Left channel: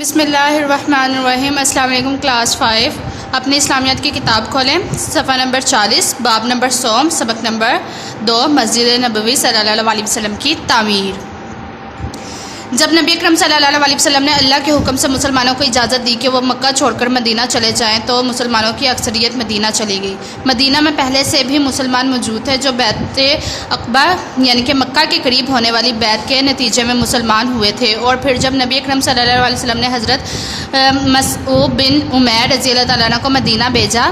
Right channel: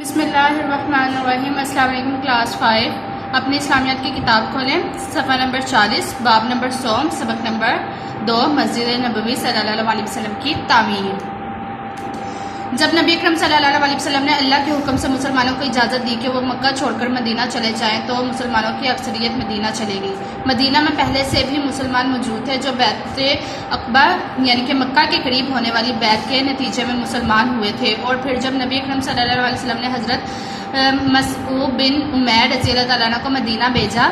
بسم اللہ الرحمن الرحیم۔ السلام علیکم کلاس 5۔ اپنے اسلامیات کی کتاب کھولیں، صفحہ نمبر 40، باب نمبر 100، سبق نمبر 2، مسجد نبوی صلی اللہ علیہ وسلم کی تعمیر۔ جب نبی اکرم صلی اللہ علیہ وسلم نے اللہ کے حکم سے مسلمانوں کو اجازت دی کہ وہ مکہ چھوڑ کر مدینہ چلے جائیں تو مسلمانوں کی اکثریت مدینہ چلی گئی۔ مدینہ میں پہلے سے بھی مسلمان موجود تھے جو بیعت عقبہ یعنی کہ مکہ کے قریب ہونے والی بیعت کے نتیجے میں مسلمان ہوئے تھے، اور پھر جب نبی اکرم صلی اللہ علیہ وسلم نے حضرت مصعب بن عمیر رضی اللہ تعالیٰ عنہ کو مدینہ بھیجا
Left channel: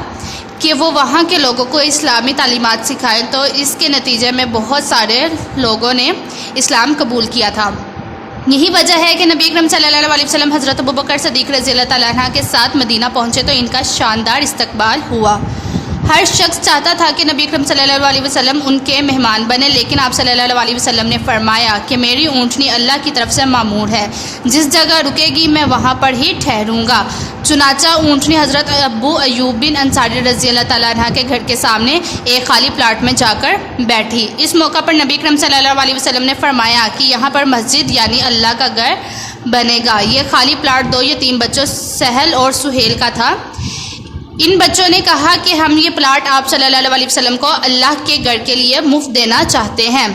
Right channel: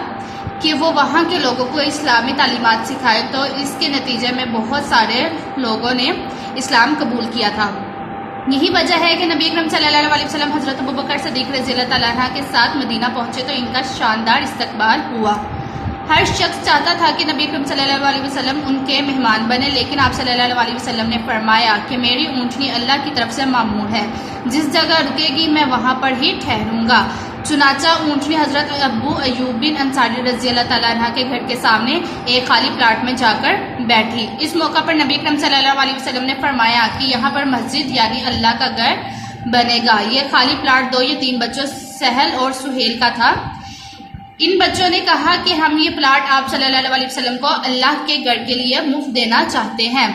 کہ وہ وہاں کے لوگوں کو اسلامی تعلیمات سکھائے، تو اس کے نتیجے میں بہت سارے لوگوں نے اسلام قبول کیا تھا۔ یہی وجہ ہے کہ نبی اکرم صلی اللہ علیہ وسلم حضرت ابوبکر صدیق رضی اللہ تعالیٰ عنہ کے ساتھ مدینہ پہنچے تو ان کا شاندار استقبال ہوا۔ ہر شخص چاہتا تھا کہ نبی اکرم صلی اللہ علیہ وسلم ان کے مہمان بنے، لیکن آپ صلی اللہ علیہ وسلم نے فرمایا کہ میری اونٹنی اللہ کی طرف سے مامور ہے، جس جگہ رکے گی میں وہاں پر ہی ٹھہروں گا۔ چنانچہ اونٹنی حضرت ابو ایوب بن انصاری رضی اللہ تعالیٰ عنہ کے گھر کے سامنے ایک خالی پلاٹ میں جا کر بیٹھی۔ اس موقع پر نبی اکرم صلی اللہ علیہ وسلم نے فرمایا کہ یہاں پر مسجد یعنی اللہ کا گھر بنے گا۔ یہ خالی پلاٹ 2 یتیم بچوں سہل اور سہیل کا تھا۔ ان بچوں نے کہا کہ ہم یہ پلاٹ آپ صلی اللہ علیہ وسلم کو اللہ کے گھر کے لیے مفت دینا چاہتے ہیں،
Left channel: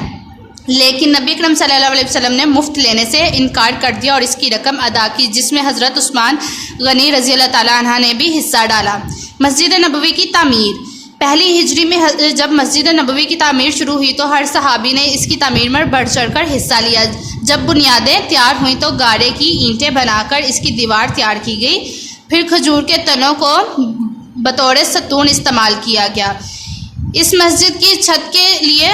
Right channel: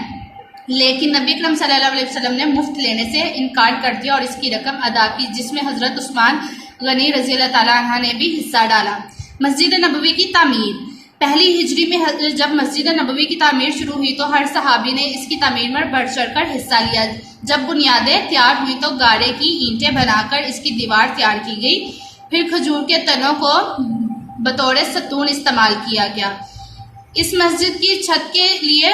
لیکن نبی اکرم صلی اللہ علیہ وسلم نے مفت لینے سے انکار کر دیا اور اس کی رقم ادا کی، جس میں حضرت عثمان غنی رضی اللہ تعالیٰ عنہ نے بھی حصہ ڈالا۔ مسجد نبوی کی تعمیر۔ پہلی ہجری میں جب مسجد نبوی کی تعمیر شروع ہوئی تو ہر صحابی نے اس کی تعمیر میں بڑھ چڑھ کر حصہ لیا۔ جب بنیادیں تیار ہوئیں تو گارے کی اینٹیں بنا کر اس کی دیوار تیار کی گئی، پھر کھجور کے تنوں کو بطور ستون استعمال کیا گیا۔ اس مسجد کی چھت کے لیے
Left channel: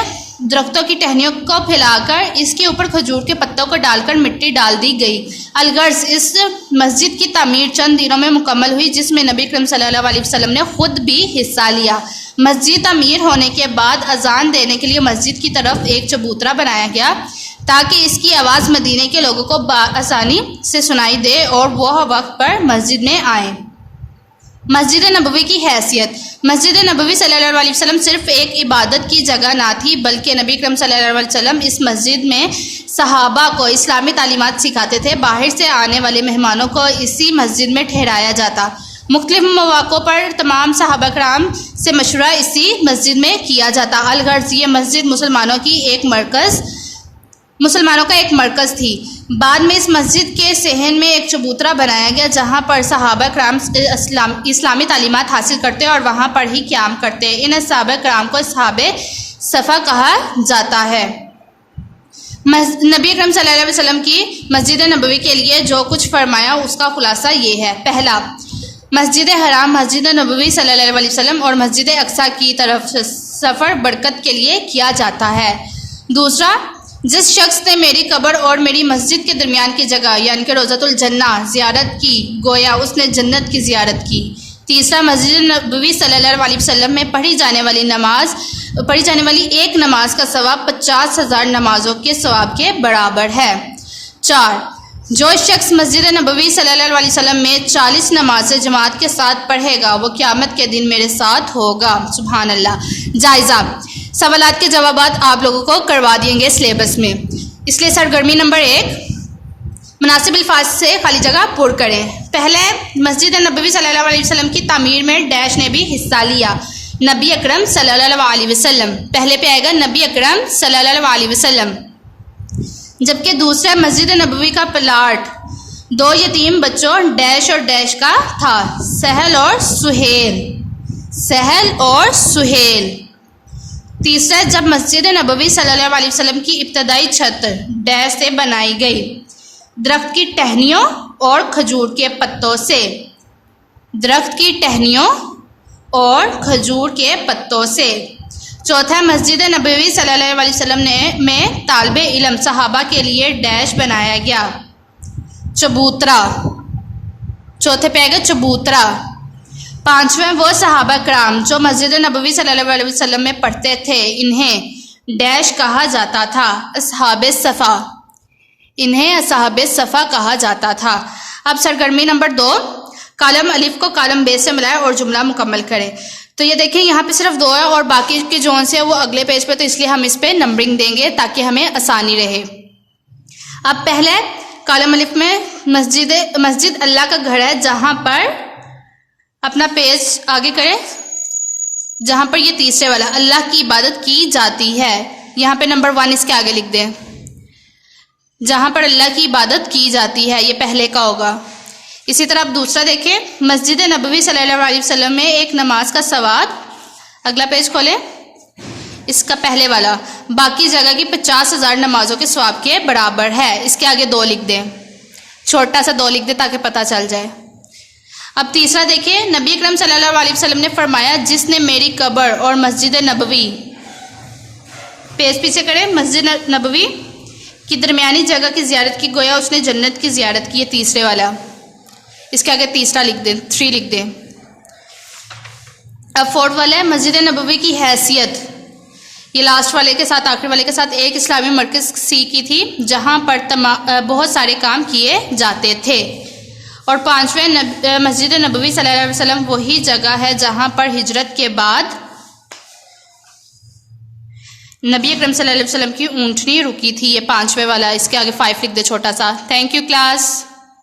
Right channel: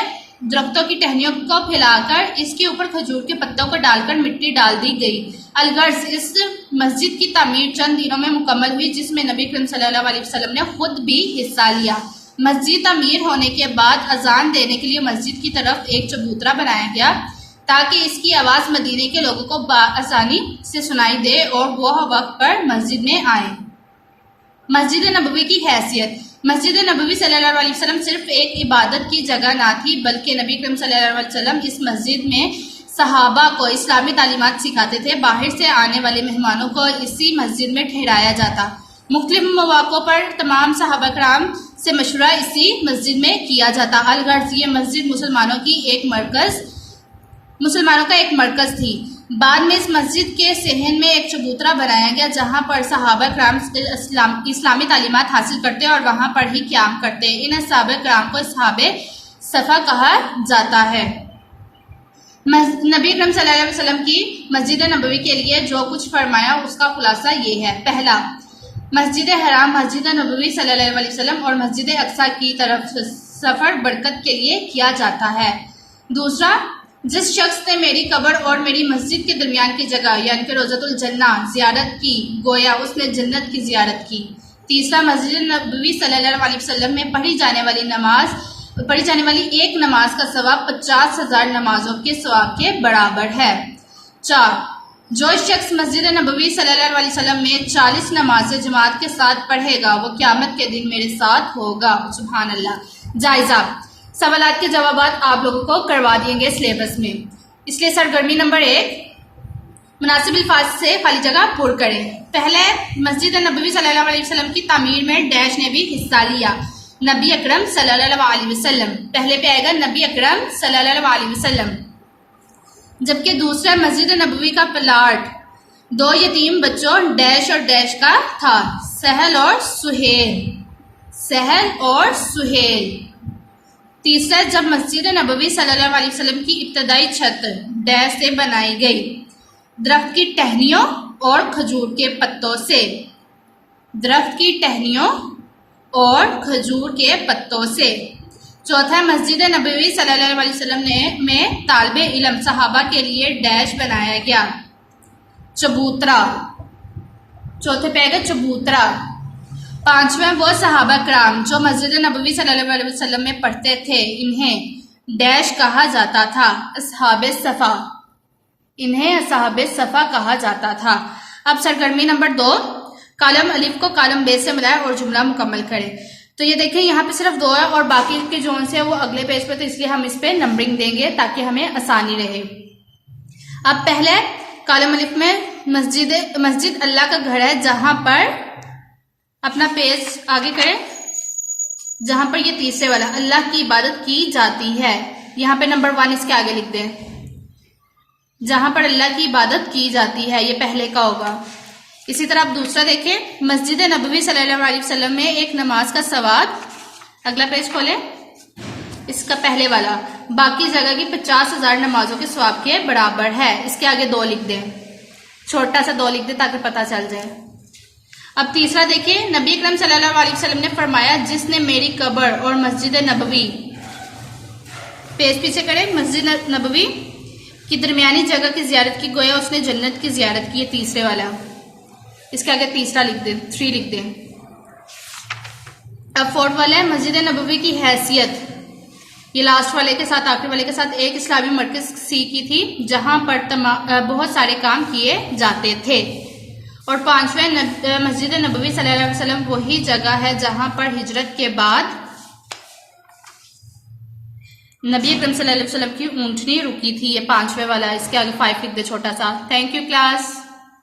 درختوں کی ٹہنیوں کو پھیلا کر اس کے اوپر کھجور کے پتوں کو ڈال کر مٹی ڈال دی گئی۔ الغرض اس مسجد کی تعمیر چند دنوں میں مکمل ہوئی، جس میں نبی اکرم صلی اللہ علیہ وسلم نے خود بھی حصہ لیا۔ مسجد تعمیر ہونے کے بعد اذان دینے کے لیے مسجد کی طرف ایک چبوترا بنایا گیا تاکہ اس کی آواز مدینے کے لوگوں کو بآسانی سے سنائی دے اور وہ وقت پر مسجد میں آئیں۔ مسجد نبوی کی حیثیت۔ مسجد نبوی صلی اللہ علیہ وسلم صرف ایک عبادت کی جگہ نہ تھی، بلکہ نبی اکرم صلی اللہ علیہ وسلم اس مسجد میں صحابہ کو اسلامی تعلیمات سکھاتے تھے۔ باہر سے آنے والے مہمانوں کو اسی مسجد میں ٹھہرایا جاتا۔ مختلف مواقع پر تمام صحابہ کرام سے مشورہ اسی مسجد میں کیا جاتا۔ الغرض یہ مسجد مسلمانوں کا ایک مرکز تھی۔ بعد میں اس مسجد کے صحن میں ایک چبوترا بنایا گیا جہاں پر صحابہ کرام اسلامی تعلیمات حاصل کرتے اور وہاں پر ہی قیام کرتے۔ ان صحابہ کرام کو اصحاب صفا کہا جاتا ہے۔ نبی اکرم صلی اللہ علیہ وسلم کی مسجد نبوی کے لیے جو کچھ فرمایا اس کا خلاصہ یہ ہے۔ پہلا، مسجد حرام، مسجد نبوی صلی اللہ علیہ وسلم اور مسجد اقصی کی طرف سفر برکت کے لیے کیا جاتا ہے۔ دوسرا، جس شخص نے میری قبر اور میری مسجد کے درمیان کی جگہ یعنی کہ روضۃ الجنہ زیارت کی گویا اس نے جنت کی زیارت کی۔ تیسرا، مسجد نبوی صلی اللہ علیہ وسلم میں پڑھی جانے والی ایک نماز کا ثواب 50,000 نمازوں کے ثواب کے برابر ہے۔ 4، جو شخص مسجد نبوی صلی اللہ علیہ وسلم میں 40 نمازیں جماعت کے ساتھ پڑھے گا وہ قیامت کے دن میرے ساتھ ہوگا۔ سبحان اللہ۔ جائزہ۔ سوالات کے جوابات آپ لوگوں کو کروا دیں گے سلیبس میں، اس لیے سرگرمی نمبر 1، مناسب الفاظ سے خالی جگہ پر کریں۔ پہلے، مسجد نبوی صلی اللہ علیہ وسلم کی تعمیر میں ڈیش نے بھی حصہ لیا۔ نبی اکرم صلی اللہ علیہ وسلم، پہلے پہ آئے گا نبی اکرم صلی اللہ علیہ وسلم۔ جبکہ دوسرا، مسجد نبوی کا پلاٹ 2 یتیم بچوں ڈیش اور ڈیش کا تھا، سہل اور سہیل۔ تیسرا، جب مسجد نبوی صلی اللہ علیہ وسلم کی ابتدائی چھت ڈیش سے بنائی گئی، درخت کی ٹہنیوں اور کھجور کے پتوں سے۔ چوتھا، مسجد نبوی صلی اللہ علیہ وسلم میں طالب علم صحابہ کے لیے ڈیش بنایا گیا، چبوترا۔ چوتھے پہ آئے گا چبوترا۔ پانچویں، وہ صحابہ کرام جو مسجد نبوی صلی اللہ علیہ وسلم میں پڑھتے تھے انہیں ڈیش کہا جاتا تھا، اصحاب صفا کہا جاتا تھا۔ اب سرگرمی نمبر 2، کالم الف کو کالم بے سے ملائے اور جملہ مکمل کرے۔ تو یہ دیکھیں یہاں پہ صرف 2 ہے اور باقی کے جو سے وہ اگلے پیج پہ، تو اس لیے ہم اس پہ نمبرنگ دیں گے تاکہ ہمیں آسانی رہے۔ اب پہلے کالم الف میں مسجد اللہ کا گھر ہے جہاں پر، اپنا پیج آگے کریں، جہاں پر یہ تیسرے والا اللہ کی عبادت کی جاتی ہے، یہاں پہ نمبر 1 اس کے آگے لکھ دیں، جہاں پر اللہ کی عبادت کی جاتی ہے، یہ پہلے کا ہوگا۔ اسی طرح آپ دوسرا دیکھیں، مسجد نبوی صلی اللہ علیہ وسلم میں ایک نماز کا ثواب، اگلا پیج کھولیں، اس کا پہلے والا باقی جگہ کی 50,000 نمازوں کے ثواب کے برابر ہے، اس کے آگے 2 لکھ دیں، چھوٹا سا 2 لکھ دیں تاکہ پتہ چل جائے۔ اب تیسرا دیکھیں، نبی اکرم صلی اللہ علیہ وسلم نے فرمایا جس نے میری قبر اور مسجد نبوی، پیج پیچھے کریں، مسجد نبوی کی درمیانی جگہ کی زیارت کی گویا اس نے جنت کی زیارت کی، یہ تیسرے والا، اس کے آگے تیسرا لکھ دیں، 3 لکھ دیں۔ اب 4 والا ہے مسجد نبوی کی حیثیت، یہ لاسٹ والے کے ساتھ، آخری والے کے ساتھ، ایک اسلامی مرکز سی کی تھی جہاں پر بہت سارے کام کیے جاتے تھے۔ اور 5ویں مسجد نبوی صلی اللہ علیہ وسلم وہی جگہ ہے جہاں پر ہجرت کے بعد نبی اکرم صلی اللہ علیہ وسلم کی اونٹنی رکی تھی، یہ 5ویں والا، اس کے آگے 5 لکھ دے چھوٹا سا۔ Thank you class.